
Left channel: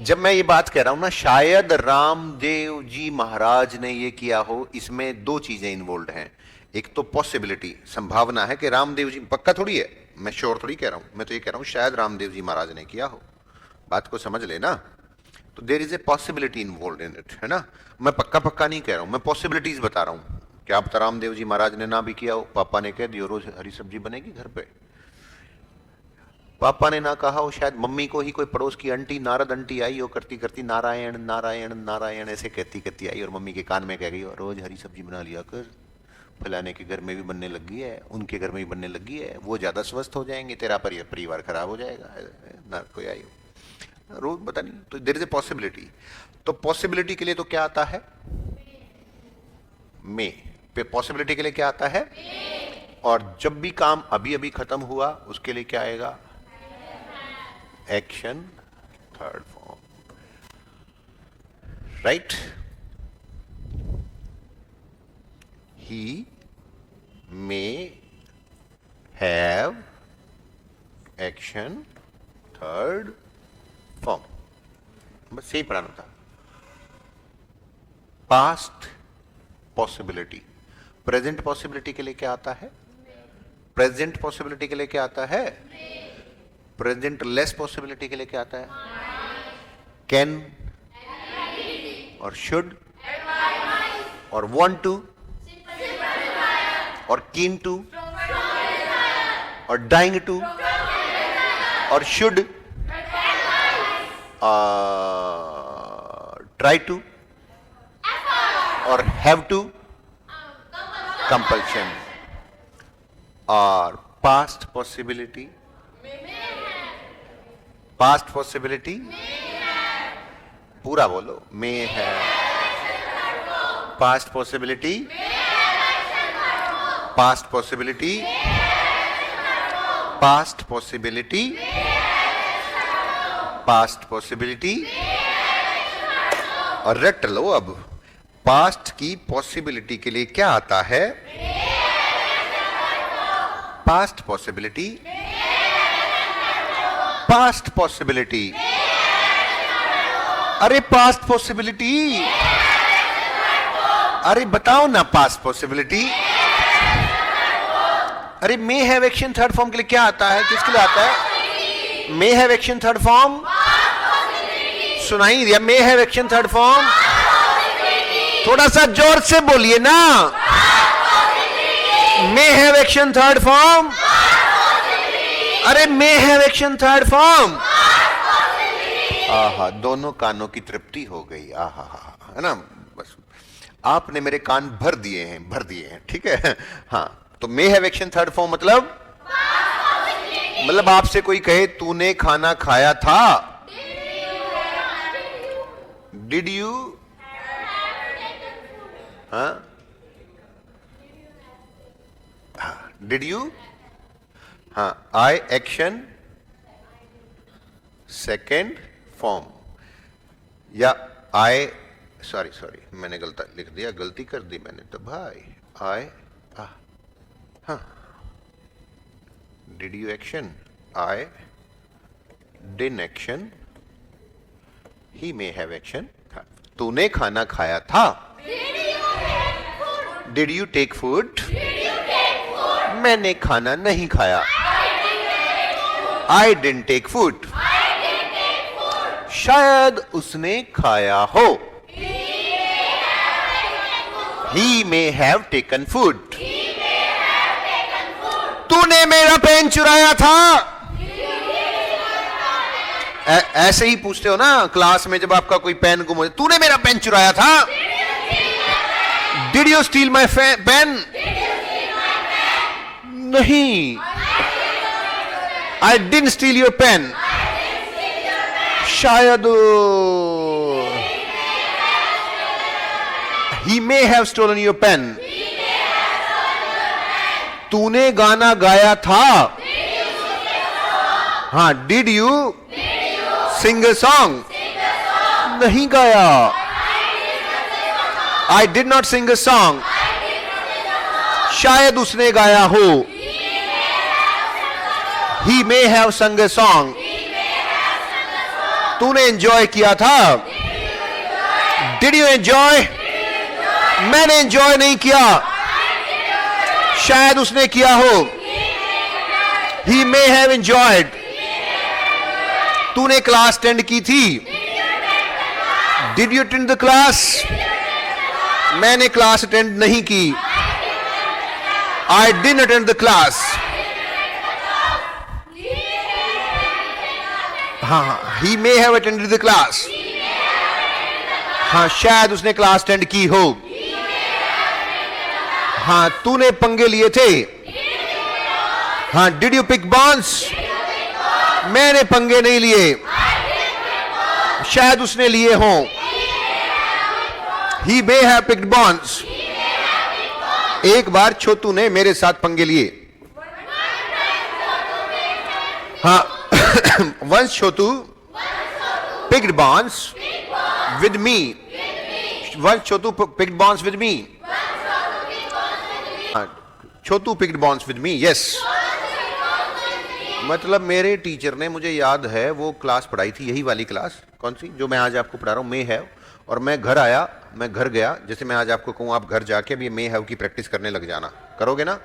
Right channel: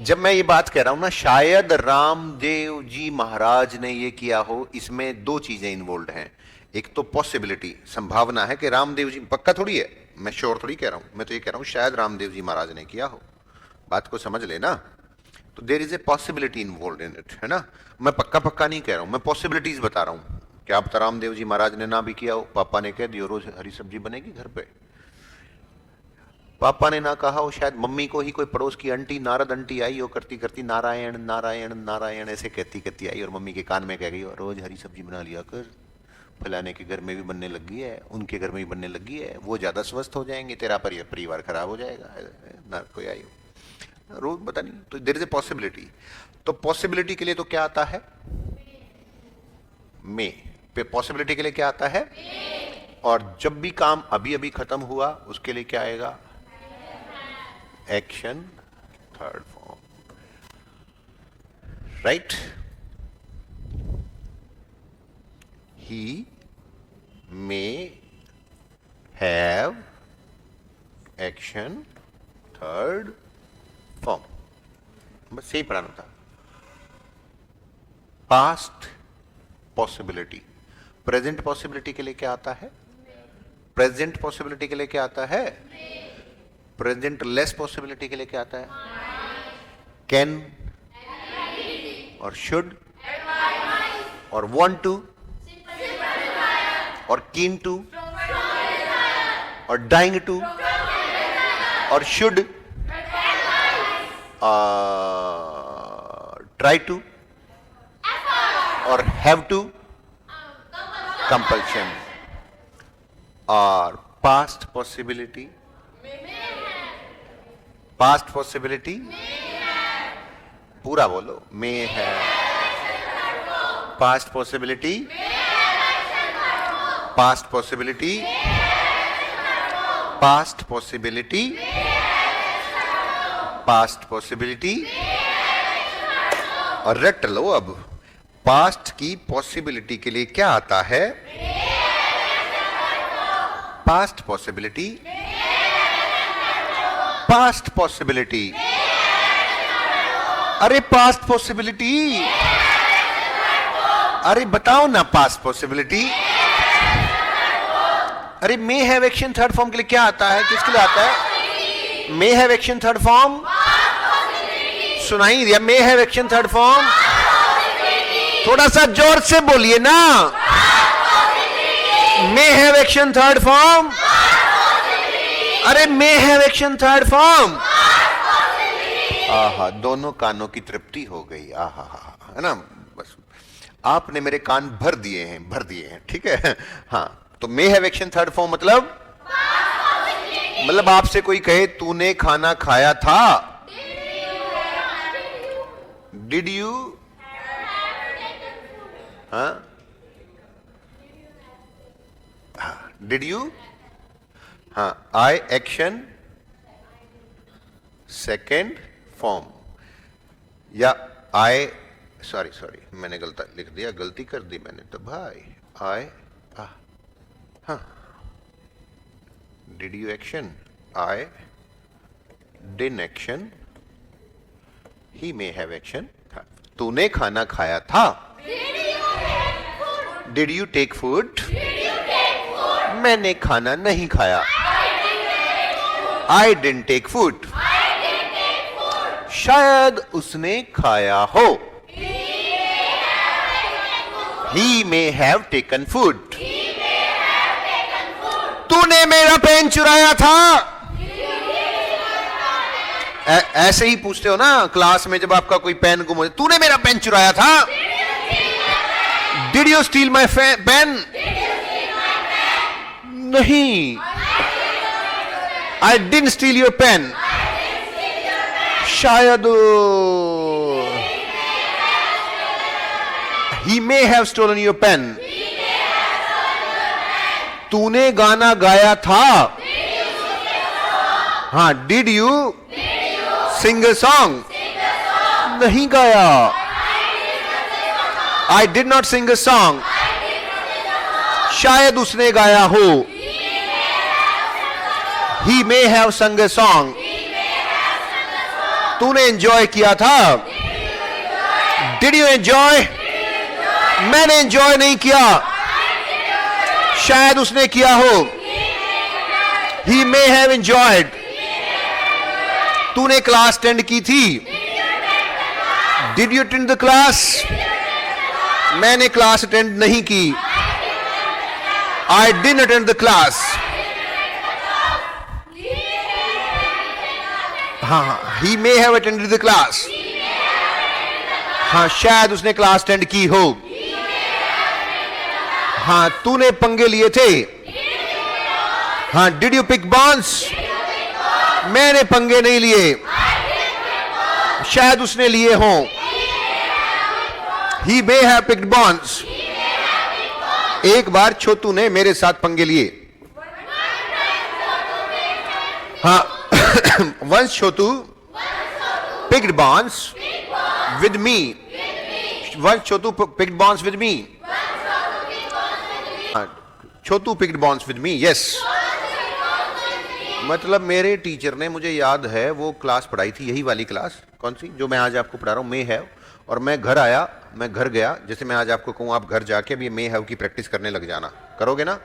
जब मैं ये बात कह रहा हूं ना शायद रामदेव जी महाराज ने ये किया हो, इसमें दो चीजें इन्वॉल्व हैं। एक तो पॉसिबिलिटी, संभावना है कि रामदेव जी, पक्का थोड़ी है, मैं श्योर थोड़ी कह रहा हूं, मैं तो ये कह रहा हूं शायद रामदेव जी महाराज ने किया हो। बात को समझ लेना। तो there is a possibility involve in that, है ना। मैं पक्का पक्का नहीं कह रहा हूं, मैं पॉसिबिलिटीज बता रहा हूं। क्या आप रामदेव जी महाराज ने ना भी किया हो, पापा ने कह दिया रोज हरी सब्जी बनेगी घर पे, पापा ने ना कहा हो, शायद मम्मी को ही कोई पड़ोस की आंटी, नारद आंटी आई हो, करती करती नारायण नारायण नारायण ऐसे कहती कहती आई और मम्मी के कान में कह गई रोज हरी सब्जी बना लिया कर, फलाने के घर में भी बनने लगी है, उनके घर में भी बनने लगी है, वो ज्यादा स्वस्थ हो जाएंगे, तेरा परिवार खराब हो जाएगा, ना कोई आई हो रोज पता नहीं। तो देयर इज ए पॉसिबिलिटी। तो पॉसिबिलिटी के लिए तो क्या आता है? मे। पॉसिबिलिटी के लिए क्या आता है? और जब भी काम अभी अभी खत्म हुआ उसके लिए क्या आएगा? Action third form, right. He may have action third form, बस यही पढ़ाना था। पास्ट पॉसिबिलिटी, प्रेजेंट पॉसिबिलिटी के लिए क्या आता है? प्रेजेंट पॉसिबिलिटी के लिए क्या आता है? प्रेजेंट लेस पॉसिबिलिटी के लिए क्या आता है? कैन और शुड और वांट टू और कीन टू और डाइंग टू और शुड ट्राई टू और हैव टू कंपल्शन। और पास्ट पॉसिबिलिटी, पास्ट पॉसिबिलिटी पूरा बोलो, में है। Past possibility, past possibility, past possibility, past possibility. और रट लो अब, पास्ट की पॉसिबिलिटी के लिए क्या आता है? पास्ट पॉसिबिलिटी, पास्ट पॉसिबिलिटी, अरे पास्ट पॉसिबिलिटी, अरे बताओ ना पास्ट पॉसिबिलिटी। अरे may have action third form के लिए क्या आता है? किसके लिए आता है? May have action third form, सुनाई दिया? May have action third form, थोड़ा सा जोर से बोलिए ना। May have action third form, अरे may have action third form. आहा, दोनों कानों की तृप्ति हो गई। आहा, है ना। बस आपने मेरे कान भर दिए हैं, भर दिए हैं, ठीक है। हाँ, तो मे हैव एक्शन थर्ड फॉर्म मतलब आपसे कोई कहे तूने खाना खाया था, डिड यू, हाँ, डिड यू, हाँ, आई एक्शन सेकेंड फॉर्म, या आई, सॉरी मैंने गलत लिख दिया, गलती कर दी मैंने तो भाई। आई, हाँ, डिड यू एक्शन, आई डिन action, he may have action, तूने खाना खाया था, डिड यू टेक फूड, मैंने खाना नहीं खाया, आई डिडंट टेक फूड, शायद उसने खाया हो, he may have taken food, तूने मेरा पेन चुराया था। ऐसे ही पूछते हो ना क्लास में, जब आपका कोई पेन गुम हो, तूने मेरा पेन चुराया था, did you steal my pen, नहीं, I didn't steal your pen, शायद he may have stolen your pen, तूने गाना गाया था, हाँ, did you sing a song, नहीं गाया, I did not sing a song, शायद उसने गाया हो, ही मे हैव संग अ सॉन्ग, तूने एंजॉय किया था, डिड यू एंजॉय, मैंने एंजॉय नहीं किया, शायद उसने किया हो, ही मे हैव एंजॉयड, तूने क्लास अटेंड की थी, did you attend the class, मैंने क्लास अटेंड नहीं की, I didn't attend the class. की हो, तूने पंगे लिए थे, डिड यू पिक बॉल्स, मैंने पंगे नहीं लिए, शायद उसने लिए हो, he may have picked balls, एक बार छोटू ने मेरे साथ पंगे लिए, हाँ once Chotu picked balls with me, once Chotu picked bonds with me. Chotu picked bonds with me, yes. मतलब मेरे टीचर ने, मुझे याद है वो क्लास पढ़ाई थी, यही वाली क्लास, कौन सी जो मैं आज आपको पढ़ा रहा हूँ, मे हैव, और मैं घर आया, मैं घर गया, जैसे मैं आज आपको कहूँ आप घर जाके भी मे हैव की प्रैक्टिस करने लग जाना, करोगे ना?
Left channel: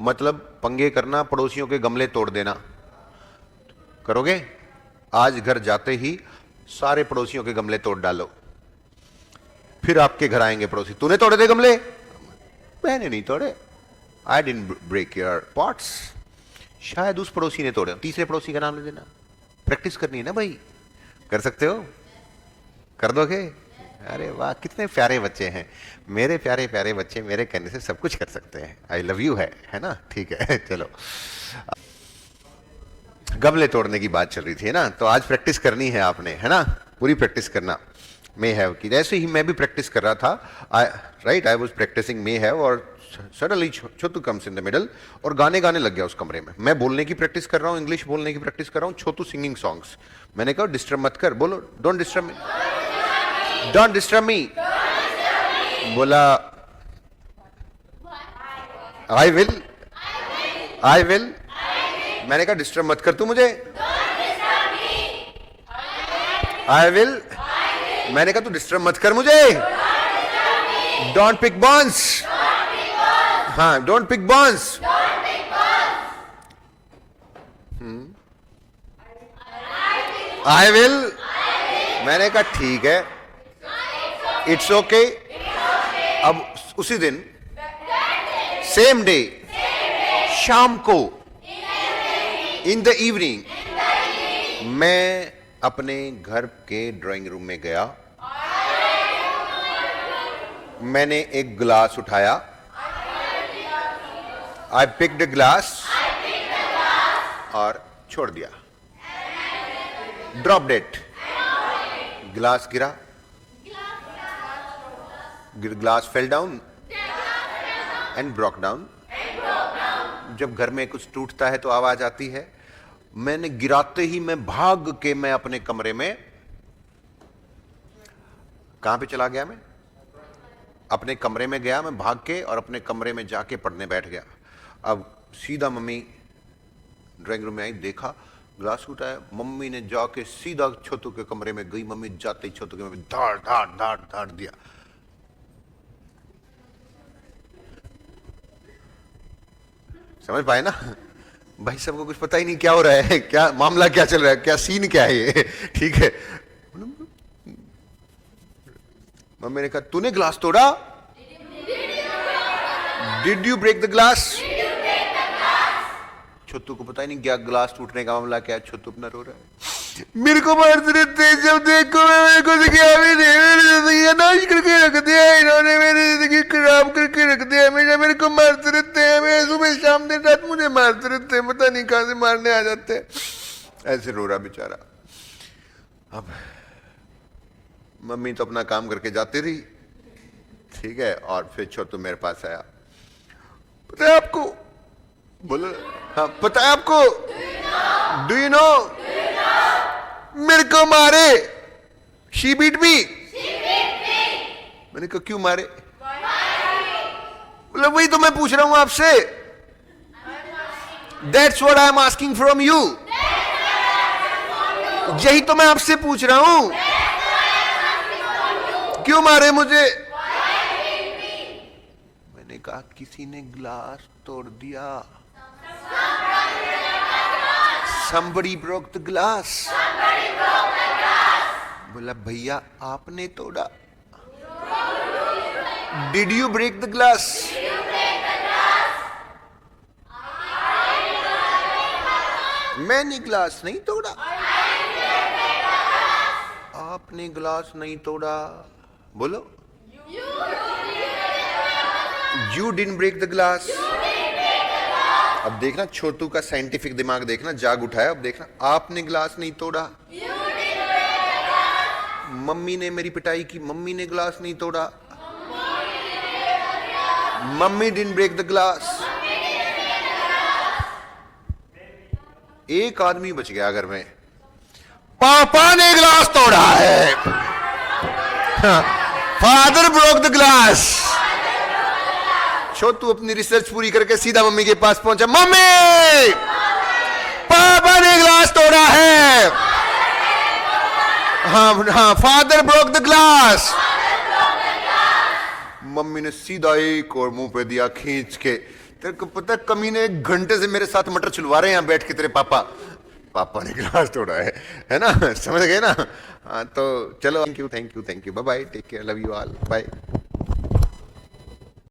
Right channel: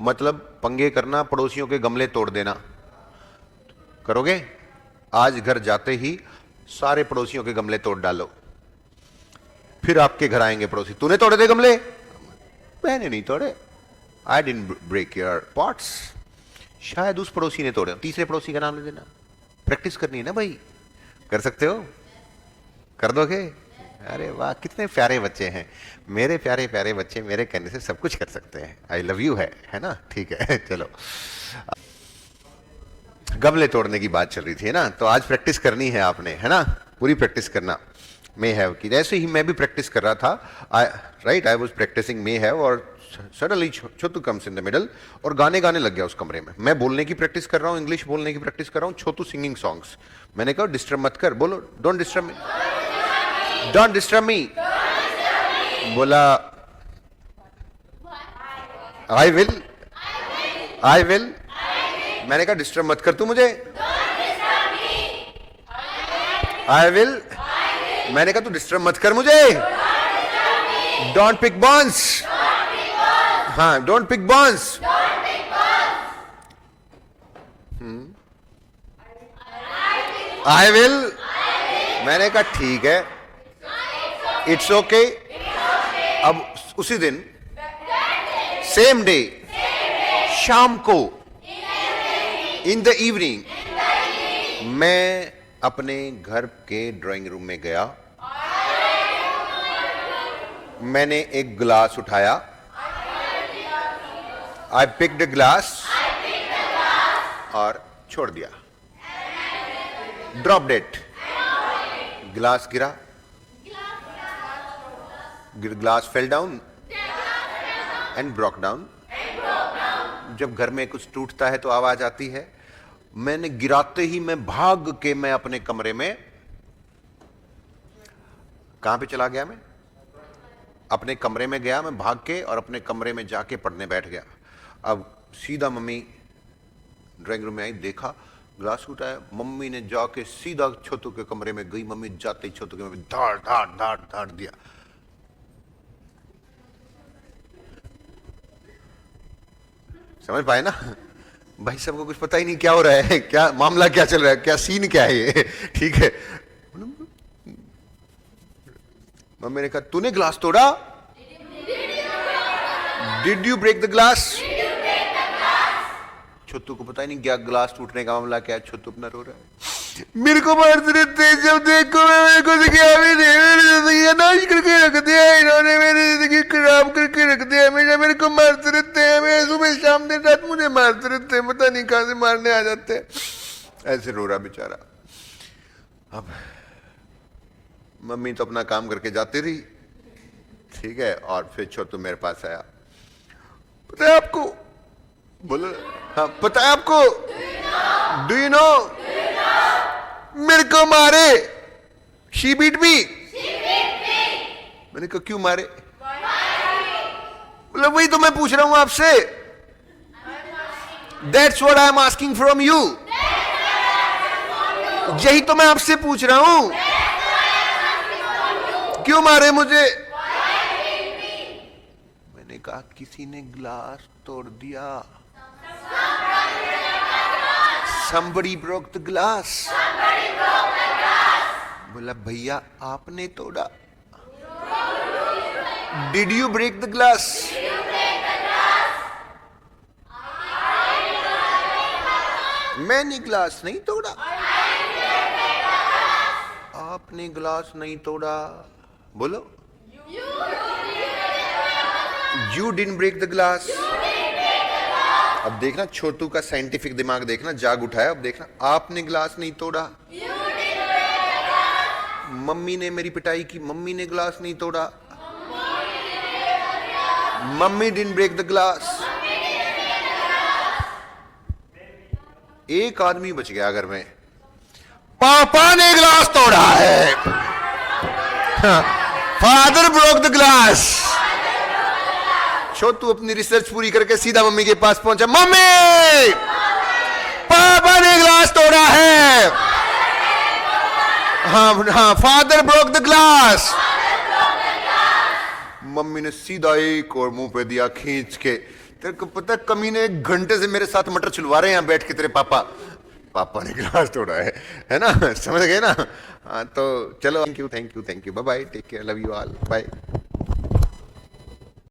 मतलब पंगे करना, पड़ोसियों के गमले तोड़ देना, करोगे? आज घर जाते ही सारे पड़ोसियों के गमले तोड़ डालो, फिर आपके घर आएंगे पड़ोसी, तूने तोड़े थे गमले, मैंने नहीं तोड़े, I didn't break your pots, शायद उस पड़ोसी ने तोड़े, तीसरे पड़ोसी का नाम ले देना, प्रैक्टिस करनी है ना भाई, कर सकते हो, कर दोगे? अरे वाह, कितने प्यारे बच्चे हैं मेरे, प्यारे प्यारे बच्चे, मेरे कहने से सब कुछ कर सकते हैं, आई लव यू है ना, ठीक है। चलो, गमले तोड़ने की बात चल रही थी ना, तो आज प्रैक्टिस करनी है आपने, है ना, पूरी प्रैक्टिस करना मे हैव की। जैसे ही मैं भी प्रैक्टिस कर रहा था, right, I was practicing may have, और suddenly Chhotu comes in the middle और गाने गाने लग गया उस कमरे में। मैं बोलने की प्रैक्टिस कर रहा हूँ, इंग्लिश बोलने की प्रैक्टिस कर रहा हूँ, छोटू सिंगिंग सॉन्ग्स। मैंने कहा डिस्टर्ब मत कर, बोलो don't disturb me, don't disturb me. बोला आई विल, आई विल। मैंने कहा डिस्टर्ब मत कर तू मुझे, आई विल। मैंने कहा तू डिस्टर्ब मत कर मुझे, डोंट पिक बॉन्स, हाँ don't pick bones. I will. मैंने कहा ठीक है, इट्स ओके। अब उसी दिन सेम डे शाम को इन द इवनिंग मैं अपने घर के ड्राइंग रूम में गया, मैंने एक गिलास उठाया, आई पिक्ड अ ग्लास और छोड़ दिया, ड्रॉप्ड इट। गिलास गिरा, glass fell down and broke down. जब घर में कुछ टूटता है तो आवाज आती है। मैंने गिराते ही मैं भाग के मैं अपने कमरे में, कहां पे चला गया, मैं अपने कमरे में गया, मैं भाग के और अपने कमरे में जाके पढ़ने बैठ गया। अब सीधा मम्मी ड्राइंग रूम में आई, देखा ग्लास उठाया, मम्मी ने जाके सीधा छोटू के कमरे में गई। मम्मी जाते ही छोटू के कमरे में धाड़ धाड़ धाड़ धाड़ दिया। समझ पाए ना भाई, सबको कुछ पता ही नहीं क्या हो रहा है, क्या मामला क्या चल रहा है, क्या सीन क्या है ये, ठीक है। मम्मी ने कहा तूने ग्लास तोड़ा, did you break the glass. Chhotu को पता ही नहीं क्या ग्लास टूटने का मामला क्या, छोटू अपना रो रहा है। मेरे को मारते रहते हैं, जब देखो मेरे को नाश करके रख दिया इन्होंने, मेरी जिंदगी खराब करके रख दिया, हमेशा मेरे को मारते रहते हैं, मैं सुबह शाम दिन रात मुझे मारते रहते हैं, पता नहीं कहां से मारने आ जाते हैं। ऐसे रो रहा बेचारा। अब मम्मी तो अपना काम करके जाती रही, ठीक है, और फिर छोटू मेरे पास आया। पता है आपको, बोले हाँ पता है आपको, डू यू नो, मेरे को मारे, शी बीट मी, मैंने कहा क्यों मारे? बोला वही तो मैं पूछ रहा हूं आपसे। That's what I'm asking from you. यही तो मैं आपसे पूछ रहा हूं, क्यों मारे मुझे? मैंने कहा किसी ने गिलास तोड़ दिया। Somebody broke the glass. बोला भैया आपने तोड़ा। Did you break the glass? मैंने ग्लास नहीं तोड़ा। आपने ग्लास नहीं तोड़ा। बोलो You didn't break the glass. अब देखना छोटू का साइंटिफिक दिमाग देखना जाग उठा है। अब देखना आपने ग्लास नहीं तोड़ा। मम्मी ने मेरी पिटाई की, मम्मी ने ग्लास नहीं तोड़ा। Mummy didn't break the glass. एक आदमी बच गया घर में, पापा ने ग्लास तोड़ा है। Father broke the glass. Chhotu अपनी रिसर्च पूरी करके सीधा मम्मी के पास पहुंचा। मम्मी पापा ने ग्लास तोड़ा है। हाँ, father broke the glass. Mummy ने सीधा एक और मुंह पे दिया खींच के। तेरे को पता कमीने 1 घंटे से मेरे साथ मटर छिलवा रहे हैं बैठ के तेरे पापा। पापा ने गिलास तोड़ा है ना? समझ गए ना? हाँ तो चलो, thank you bye bye, take care, love you all, bye.